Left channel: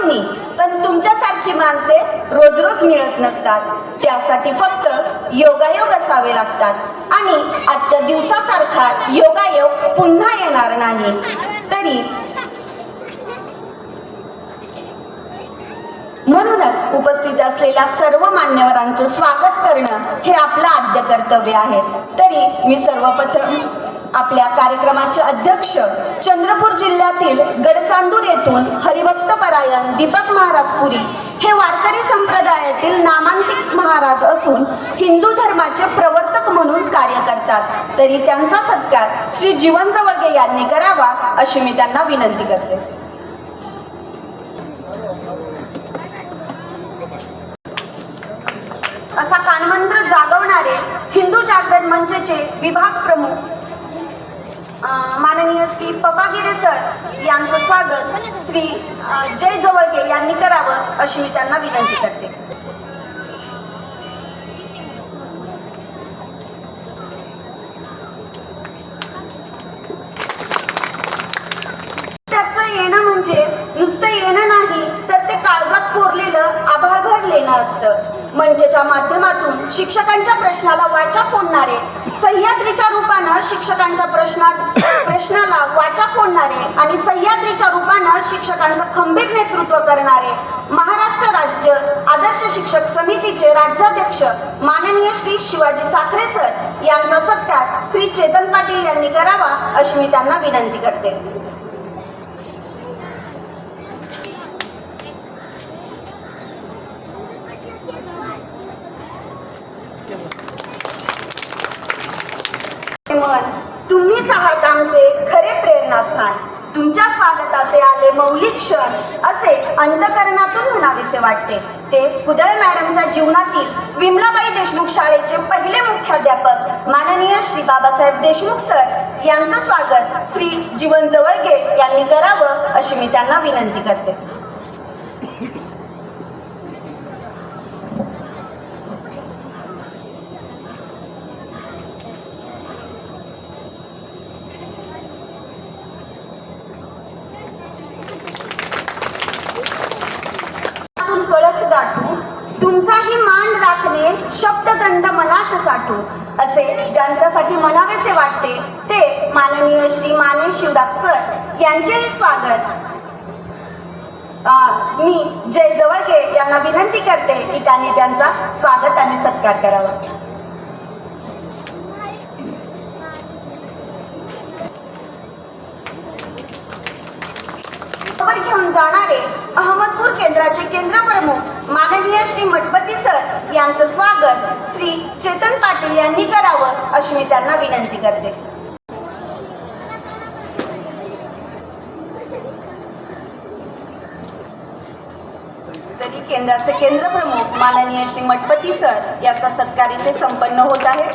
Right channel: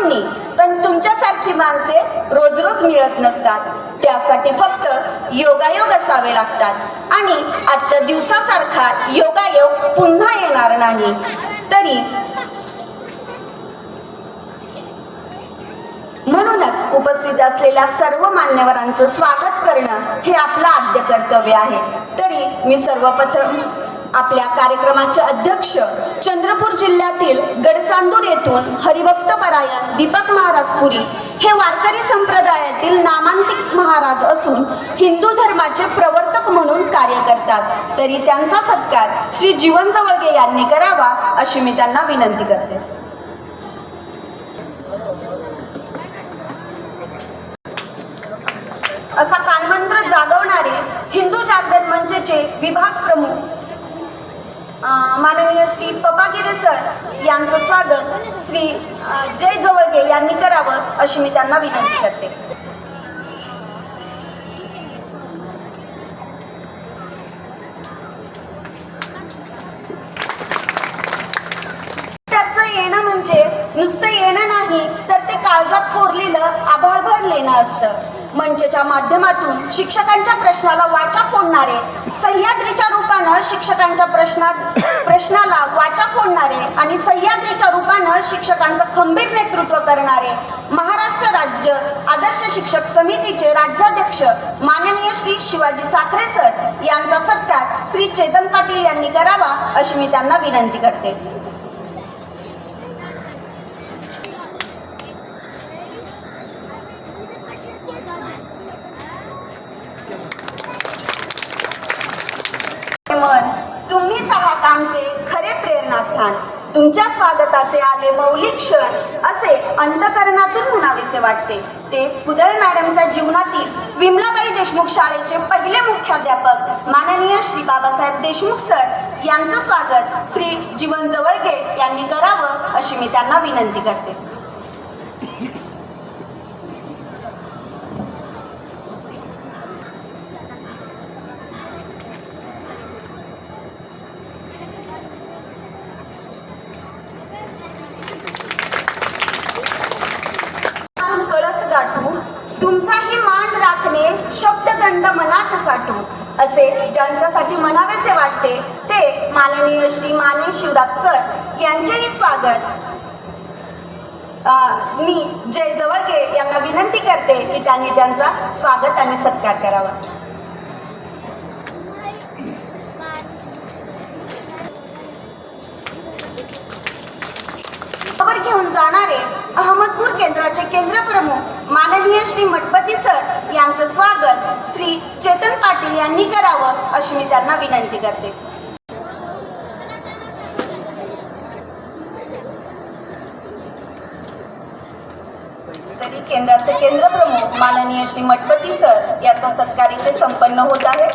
सर्वांनी पण तुमच्यासारखी माणसे रोज रोज मिळत नसतात. त्यासाठी फक्त योगायोग असावे लागतात. आणि आजच्या दिवसासारखा योगायोग पुन्हा येणार नाही. तरी म्हणूनच उपस्थित असलेल्या सर्व मान्यवरांचं स्वागत करणं हे आपलं आद्य कर्तव्य आहे. तरी मी सर्वप्रथम आपल्या कार्यक्रमाचे अध्यक्ष चंद्रपूर जिल्ह्यातील गडचांदूर येथून हरिभक्त परायण दीपक महाराज पुरी हे वारकरी संप्रदायातील नामांतिक महाराज असून हिंदू धर्माचे प्रवर्तक म्हणून कार्य करतात. तरी त्यांचा सत्कार श्री जीवन जवळगे यांनी करावा अशी मी त्यांना विनंती करते. असा कानमंत्र जागवणारे हिंदू जागरण मंचचे विभाग प्रमुख माननीय श्री पपागिरे सर यांचं स्वागत श्री जय जवळगे यांनी करावं अशी मी त्यांना विनंती करते. त्याचं येणं म्हणजे नुसतं येणं नाही तर ते काळजात कोरलेलं आभाळभर लेणं असतं. मंचच्या माध्यमातून शिक्षकांच्या प्रश्नाला वाचा फोडणारे सह्याद्रीच्या रूपानं शिक्षकांच्या प्रश्नात प्रश्नाला वाचा फोडणारे आणि सह्याद्रीच्या रूपानं शिक्षकांचं खंबीर नेतृत्व करणारे महाराष्ट्र राज्य आदर्श शिक्षक समितीचे राज्याध्यक्ष माननीय श्री शिवाजी साखरे सर यांचा सत्कार श्री चेतन पाटील यांनी करावा अशी मी त्यांना विनंती करते मन तुम्हीच आहात आमचे खरे प्रेरणास्थान. तुमच्या स्वागताचे आले मौलिक क्षण असे अंतकरणातून म्हणावेसे वाटते. ते पुदळे मॅडमच्या जीवनातील विमलाबाई देशमुख शाळेचे पहिले मुख्याध्यापक माननीय श्री बाबासाहेब देशमुख सर यांचं स्वागत श्री जीवन जवळगे यांनी करावं अशी मी त्यांना विनंती करते हातून कळस गाठू तुमचाही मान राखणे शब्दगंध मनात साठू असे ज्यांच्यासाठी म्हणावेसे वाटते ते श्री माने शिवराज सर यांचेही स्वागत. मी जय जवळगे यांना विनंती करते की त्यांनी त्यांचा स्वागत आणि सत्कार करावा. खबर घेऊन जाणारे अहमदपूर केंद्राचे केंद्र प्रमुख माननीय श्री मठपती सर यांचं स्वागत श्री चेतन पाटील यांनी करावं अशी मी त्यांना विनंती करते. केंद्राचे केंद्र प्रमुख माननीय श्री मठपती सर याचा सत्कार इथे संपन्न होत आहे.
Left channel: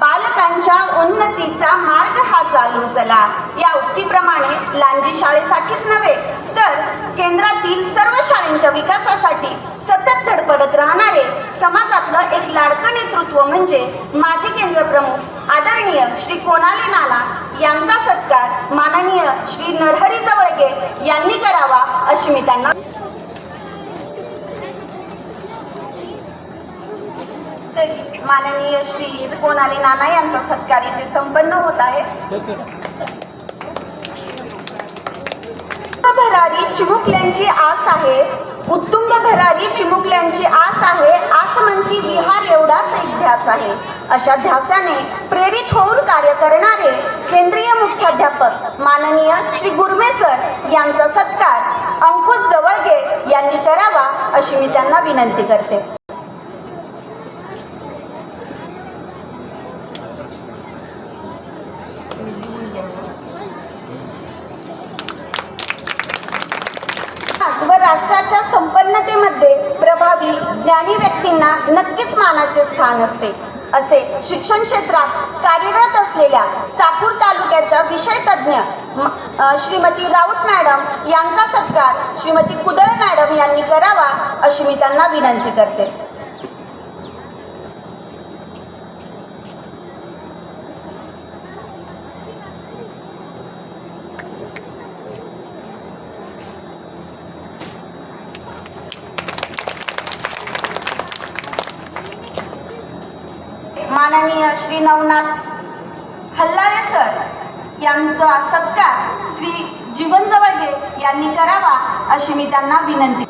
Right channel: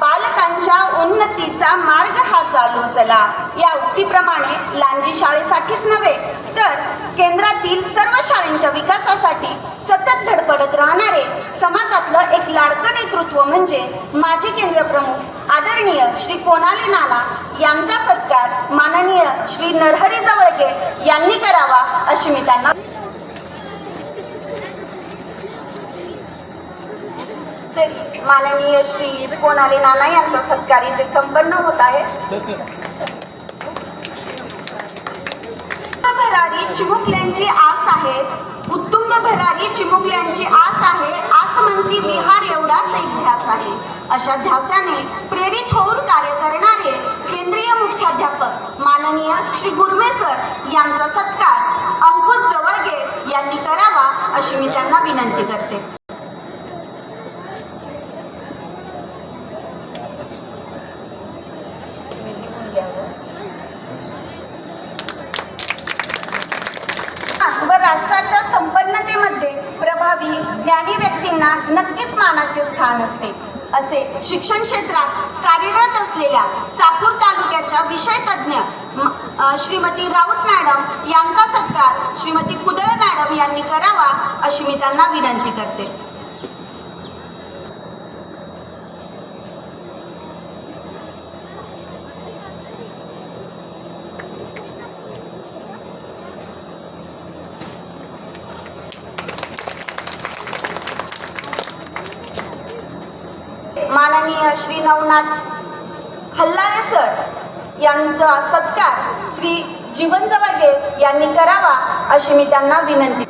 बालकांच्या उन्नतीचा मार्ग हा चालू चला. या उक्तीप्रमाणे लांजी शाळेसाठीच नव्हे तर केंद्रातील सर्व शाळेंच्या विकासासाठी सतत धडपडत राहणारे समाजातलं एक लाडकं नेतृत्व म्हणजे माजी केंद्र प्रमुख आदरणीय श्री कोनाले नाना यांचा सत्कार माननीय श्री नरहरी जवळगे यांनी करावा अशी मी त्यांना तरी माननीय श्री कोणाले नाना यांचा सत्कार इथे संपन्न होत आहे. भरारी चिमुकल्यांची आस आहे. उत्तुंग भरारी चिमुकल्यांची आस आहे. आस म्हणती बिहार एवढाच एक ध्यास आहे. अशा ध्यासाने प्रेरित होऊन कार्य करणारे केंद्रीय मुख्याध्यापक माननीय श्री गुरमे सर यांचा सत्कार अंकुश जवळगे यांनी करावा अशी मी त्यांना विनंती करते. शिक्षण क्षेत्रात कार्यरत असलेल्या चाकूर तालुक्याच्या विषय तज्ज्ञ श्रीमती राऊत मॅडम यांचा सत्कार श्रीमती कुदळे मॅडम यांनी करावा अशी मी त्यांना विनंती करते माननीय श्री नवनाथ हल्लाळे सर यांचा सत्कार श्री जीवन जवळगे यांनी करावा अशी मी त्यांना विनंती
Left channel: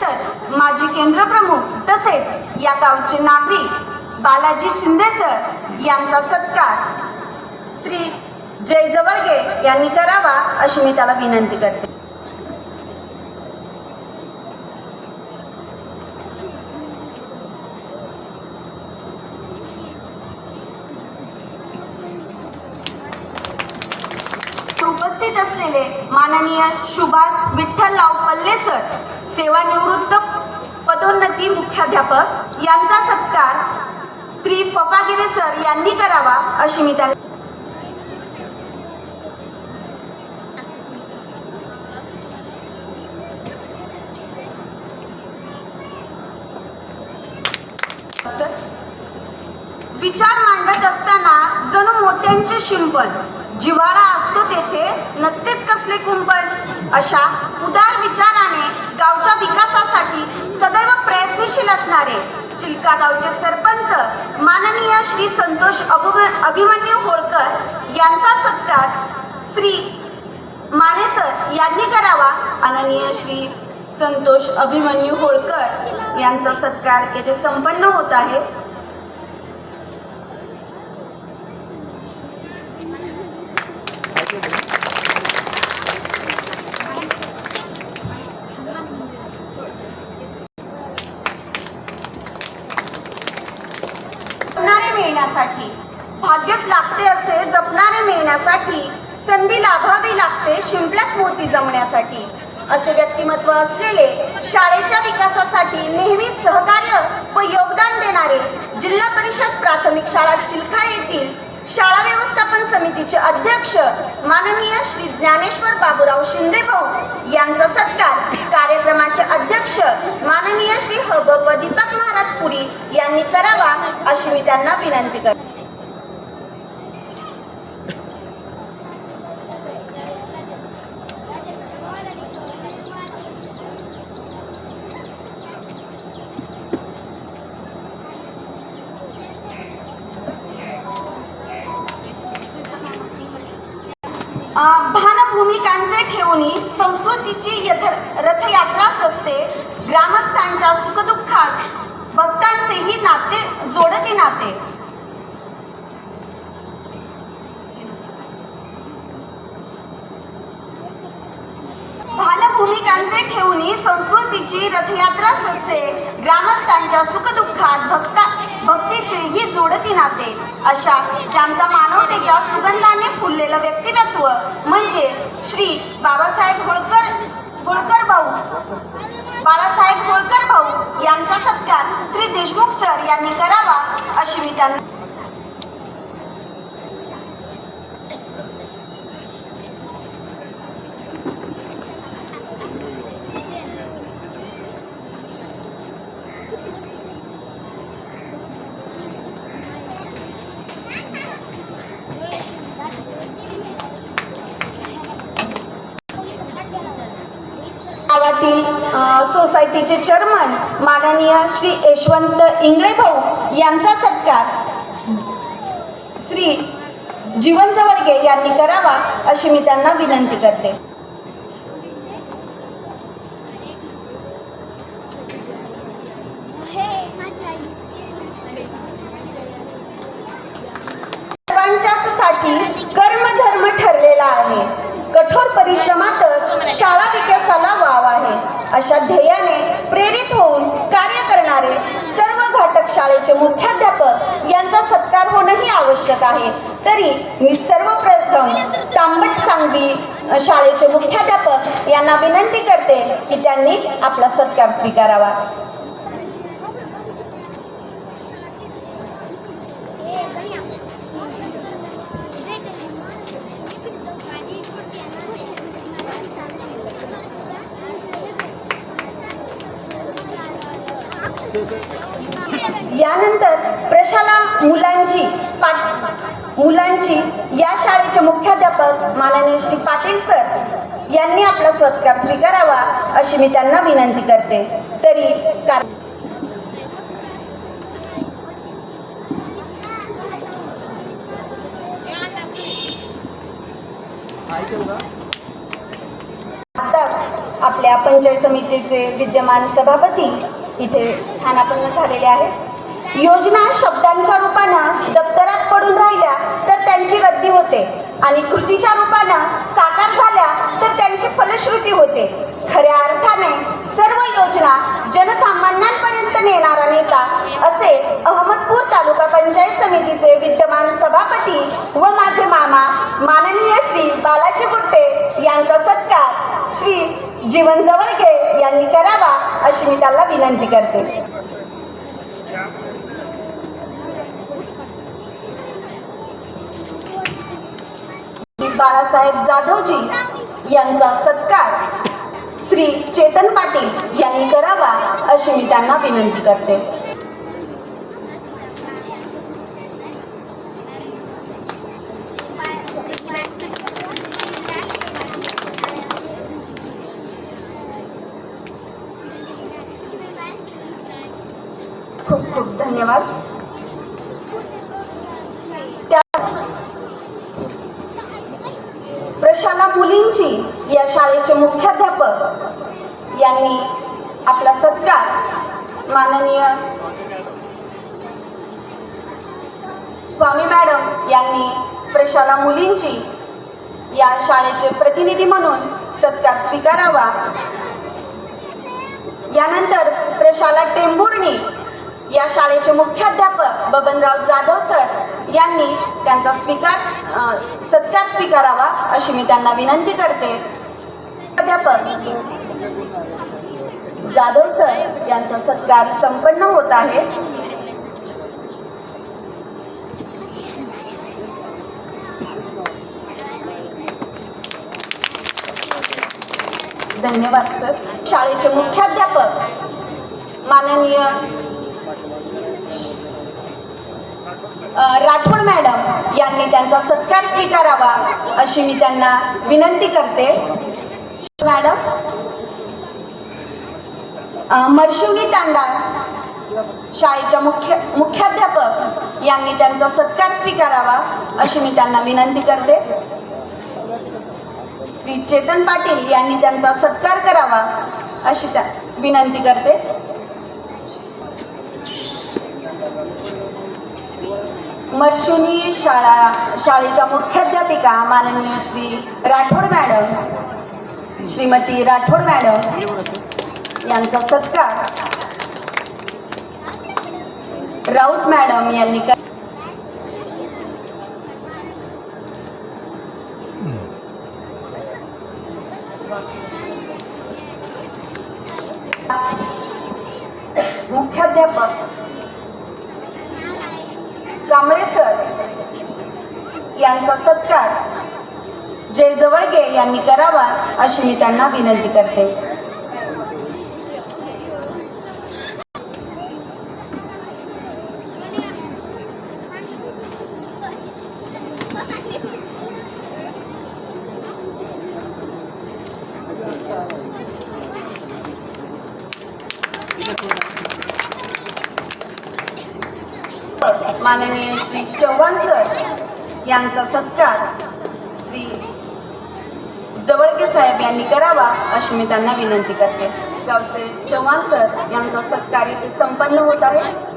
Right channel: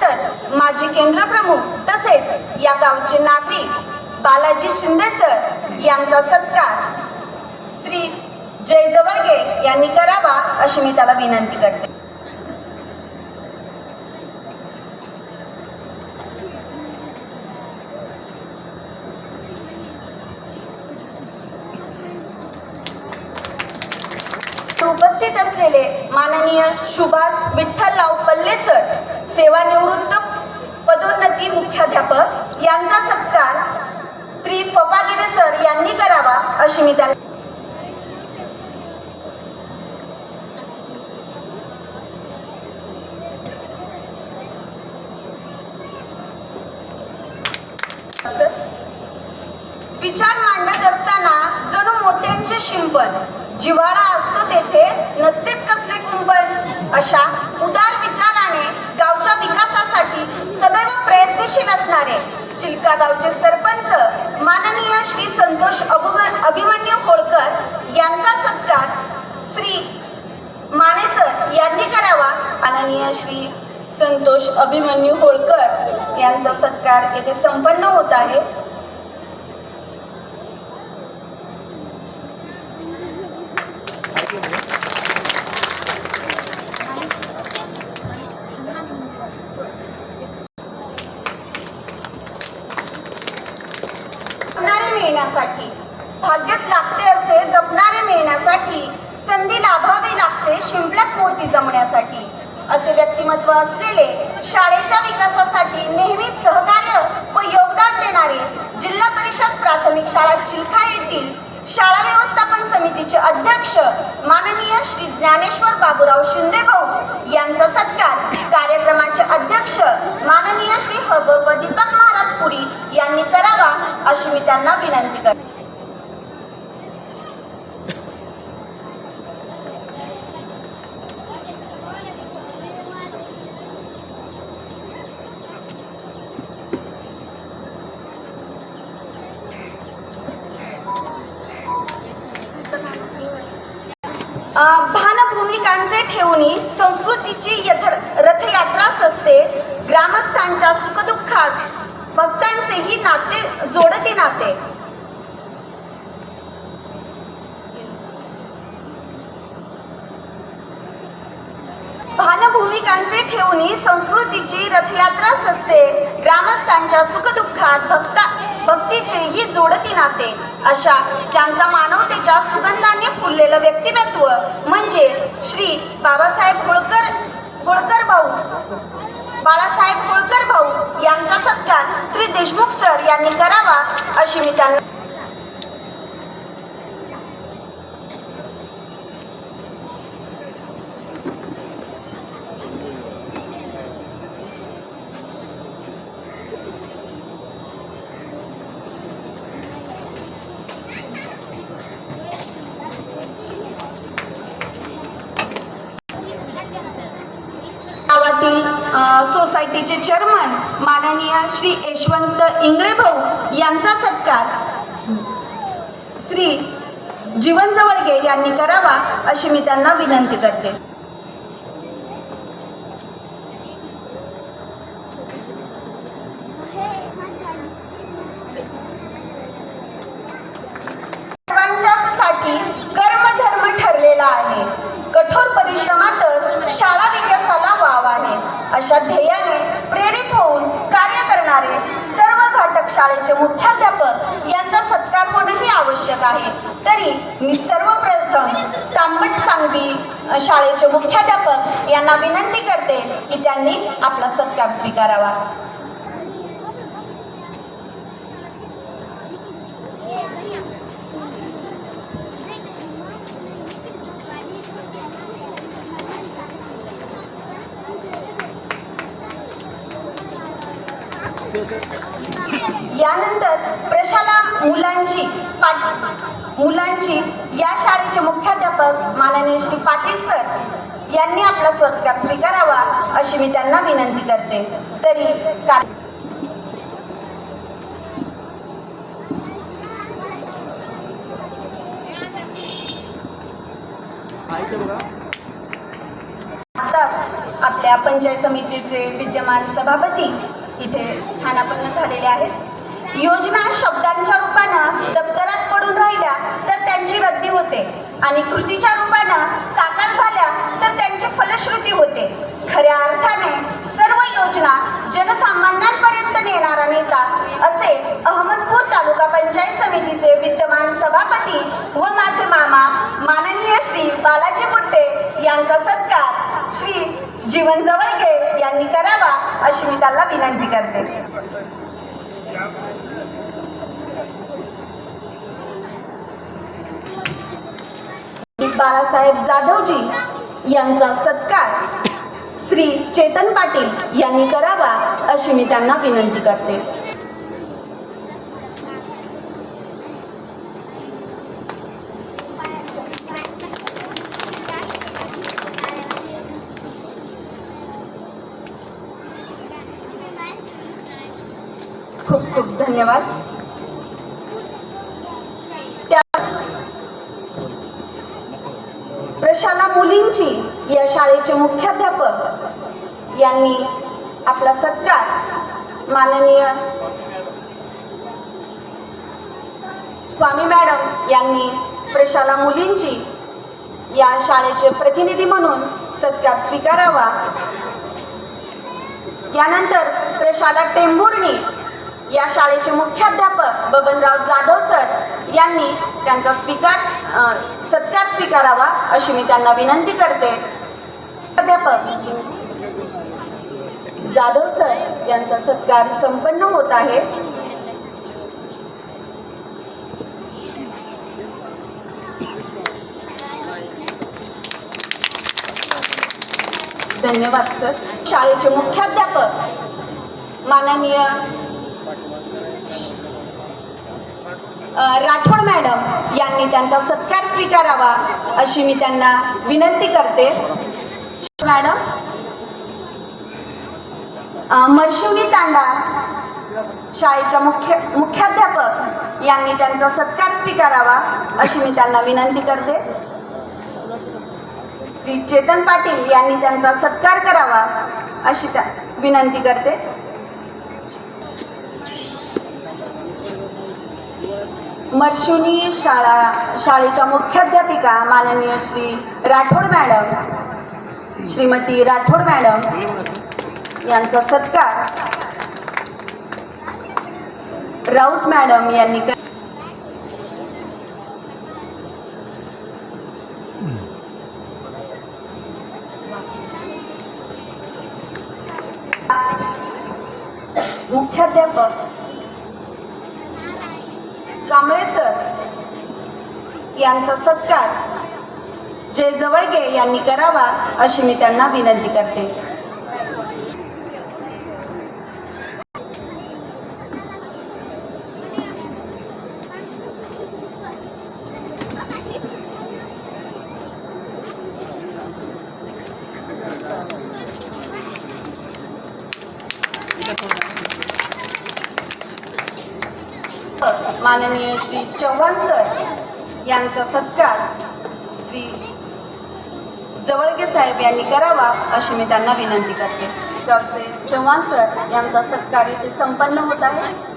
तर माजी केंद्र प्रमुख तसेच या गावचे नागरिक बालाजी शिंदे सर यांचा सत्कार श्री जय जवळगे यांनी करावा अशी मी त्याला विनंती करते. उपस्थित असलेले माननीय सुभाष विठ्ठलराव पल्ले सर सेवानिवृत्त पदोन्नती मुख्याध्यापक यांचा सत्कार श्री पपागिरे सर यांनी करावा अशी मी त्यांना विचार मांडत असताना जणू मोत्यांचे शिंपण. जिव्हाळा असतो तेथे नसतेच कसले कुंपण. अशा उदार विचाराने गावच्या विकासासाठी सदैव प्रयत्नशील असणारे चिलका गावचे सरपंच माननीय श्री संतोष अभिमन्यू होळकर यांचा सत्कार श्री मानेसर यांनी करावा. माननीय श्री संतोष अभिमन्यू होळकर यांचा सत्कार येथे संपन्न होत आहे. संधी लाभावी लागते शिंपल्यात मोती जमण्यासाठी. असे व्यक्तिमत्व असलेले शाळेच्या विकासासाठी नेहमी सहकार्य व योगदान देणारे जिल्हा परिषद प्राथमिक शाळा चिलखा येथील शाळा व्यवस्थापन समितीचे अध्यक्ष माननीय श्री ज्ञानेश्वर बाबूराव शिंदे भाऊ यांचा सत्कार कार्यक्रमाचे अध्यक्ष माननीय श्री हगोप दीपक महाराज पुरी यांनी करावा अशी मी त्यांना विनंती करते अं, भानभूमिकांचे ठेवणी संस्कृतीची यथ- असते. ग्रामस्थांच्या सुखदुःखात भक्तांचेही नाते जोडते नाते. भानभूमिकांचे ठेवणी संस्कृतीची रथयात्राच असते ग्रामस्थांच्या सुखदुःखात भक्ता भक्तीचेही जोडती नाते. अशा त्यांच्या मानवतेच्या सुगंधाने फुललेलं व्यक्तिमत्व म्हणजे श्री बाबासाहेब होळकर होळकर भाऊ. बाळासाहेब होळकर भाऊ यांचा सत्कार श्री देशमुख सर यांनी करावा अशी मी त्यांना समितीचे चेअरमन माननीय श्री यशवंत इंगळे भाऊ यांचा सत्कार श्री जीवन जवळगे यांनी करावा अशी मी त्यांना विनंती करते. साठी कर्मधर्म ठरलेला आहे. कठोर परिश्रमातच शाळा विकासाला वाव आहे. अशा ध्येयाने प्रेरित होऊन कार्य करणारे सर्व घटक शाळेचे मुख्याध्यापक यांचा सत्कार होणंही आवश्यक आहे. तरी मी सर्वप्रथम तांबट सांगवी शाळेचे मुख्याध्यापक यांना विनंती करते की त्यांनी आपला सत्कार स्वीकारावा यानंतर प्रशाला मुलांची यांची या शाळेचे मुख्याध्यापक माननीय श्री पाटील सर यांनी आपला सत्कार स्वीकारावा अशी मी त्यांना विनंती करते. तरी आताच आपल्या पंचायत समितीचे विद्यमान सभापती इथे स्थानापन्न झालेले आहेत. योजना शब्दांच्या रूपानं दप्तरात पडून राहिल्या तर त्यांची रद्दी होते. आणि कृतीच्या रूपानं साकार झाल्या तर त्यांची फलश्रुती होते. खऱ्या अर्थाने सर्व योजना जनसामान्यांपर्यंत नेणारा नेता असे अहमदपूर तालुका पंचायत समितीचे विद्यमान सभापती व माझे मामा माननीय श्री बालाजी गुट्टे यांचा सत्कार श्री जीवन जवळगे यांनी करावा अशी मी त्याला विनंती करते. बाळासाहेब जाधवजी यांचा सत्कार श्री चेतन पाटील यांनी करावा अशी मी त्यांना विनंती करते खूप खूप धन्यवाद त्या प्रशाला मुलींची या शाळेचे मुख्याध्यापक यांनी आपला सत्कार माननीय स्वामी मॅडम यांनी प्रशाला मुलींची या शाळेचे प्रतिनिधी म्हणून सत्कार स्वीकारावा. यानंतर प्रशाला टेंभुर्णी या शाळेचे मुख्याध्यापक बबनराव जाधव सर यांनी त्यांचा स्वीकार सत्कार स्वीकारावा अशी मी त्यांना विनंती करते. अध्यापक जाधव सर यांचा सत्कार संपन्न होत आहे. धन्यवाद सर. शाळेचे मुख्याध्यापक माननीय राठोड मॅडम यांनी त्यांचा सत्कार स्वीकारावा अशी मी त्यांना विनंती करते. मॅडम मर्शिवनी तांडा शाळेच्या मुख्य मुख्याध्यापक यांनी त्यांचा सत्कार स्वीकारावा अशी मी त्यांना विनंती करते. श्री चेतन पाटील यांनी त्यांचा सत्कार करावा अशी त्या विनंती करते. मर्शिवनी शाळा शाळेच्या मुख्याध्यापिका माननीय श्री राठोड मॅडम श्रीमती राठोड मॅडम यांचा सत्कार. राऊत मॅडम यांनी मुख्याध्यापक कांबळे सर यांचा सत्कार. जय जवळगे यांनी करावा अशी मी त्यांना विनंती करते. माननीय श्री चव्हाण सर यांचा सत्कार श्री जवळगे साहेब यांनी करावा अशी मी त्यांना विनंती करते. डॉक्टर चव्हाण सर यांचा सत्कार इथे संपन्न होत आहे.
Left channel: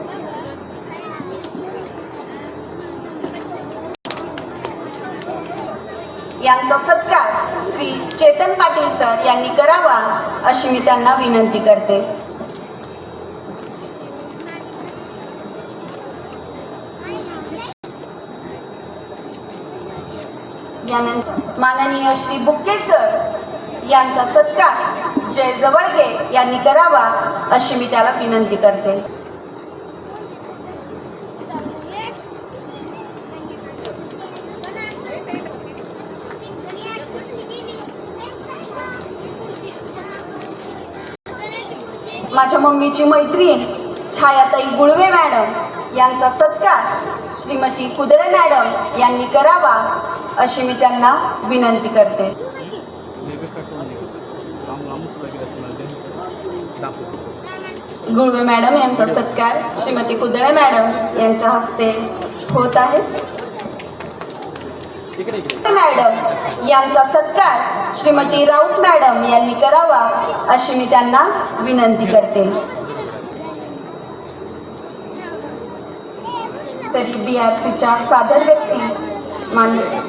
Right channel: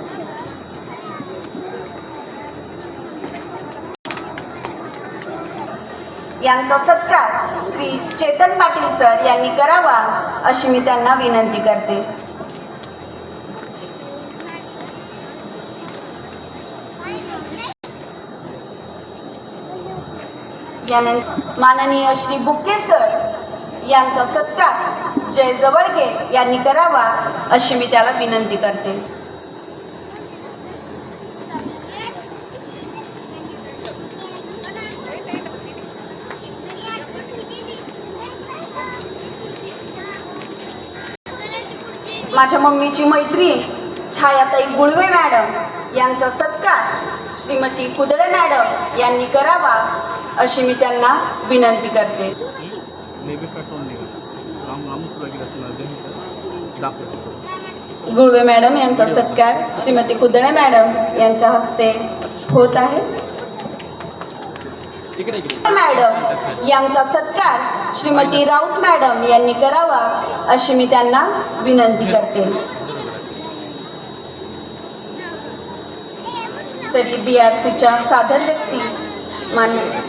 यांचा सत्कार श्री चेतन पाटील सर यांनी करावा अशी मी त्यांना विनंती करते. यानंतर माननीय श्री बुक्के सर यांचा सत्कार जय जवळगे यांनी करावा अशी मी त्याला विनंती करते. माझ्या मम्मीची मैत्रीण छायाताई गुळवे मॅडम यांचा सत्कार श्रीमती कुदळे मॅडम यांनी करावा अशी मी त्यांना विनंती करते. गुळवे मॅडम यांचा सत्कार श्रीमती कुदळे मॅडम यांच्या हस्ते होत आहे. मॅडम यांचा सत्कार श्रीमती राऊत मॅडम यांनी करावा अशी मी त्यांना विनंती करते. तरी बी आर सीच्या सादर व्यक्ती मान्य.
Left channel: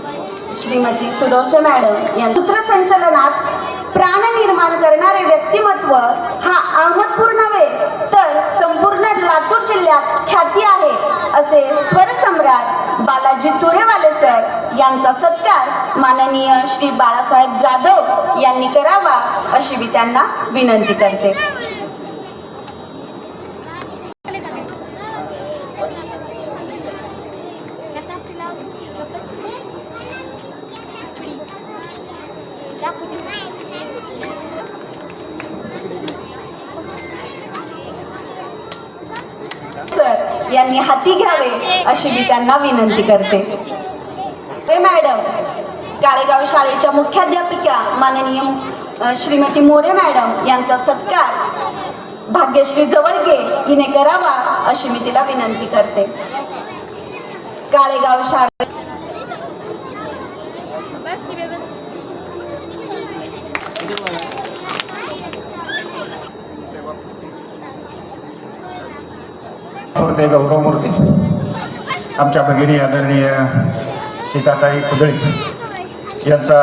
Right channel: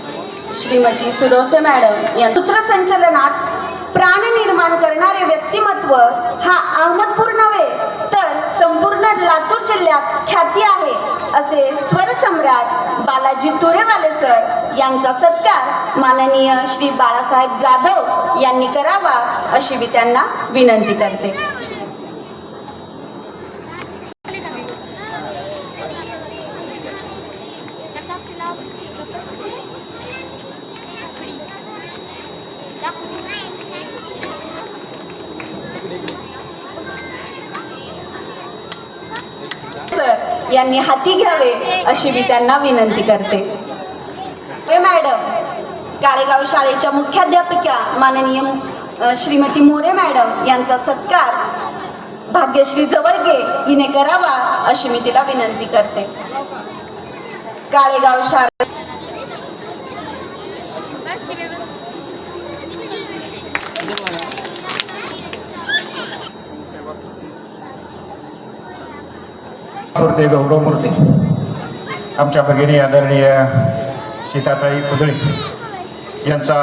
श्रीमती सुरोसे मॅडम या सूत्रसंचलनात प्राण निर्माण करणारे व्यक्तिमत्व हा अहमदपूर नव्हे तर संपूर्ण लातूर जिल्ह्यात ख्याती आहे असे स्वरसम्राट बालाजी तुरेवाले सर यांचा सत्कार माननीय श्री बाळासाहेब जाधव यांनी करावा अशी मी त्यांना विनंती करते सर यांनी हाती घ्यावे अशी मी त्यांना विनंती करते. मॅडम काळेगाव शाळेच्या मुख्याध्यापिका माननीय श्रीमती मोरे मॅडम यांचा सत्कार भाग्यश्री जवळगे हिने करावा अशी मी तिला विनंती करते. काळेगाव शाळेत गौरव मूर्ती. आमच्या भगिनी आदरणीय सीताताई कुदळे यांचा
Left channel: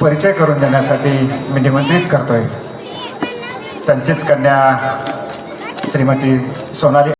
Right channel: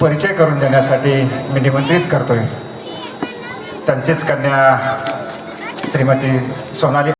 परिचय करून देण्यासाठी मी निमंत्रित करतोय. त्यांचीच कन्या श्रीमती सोनाली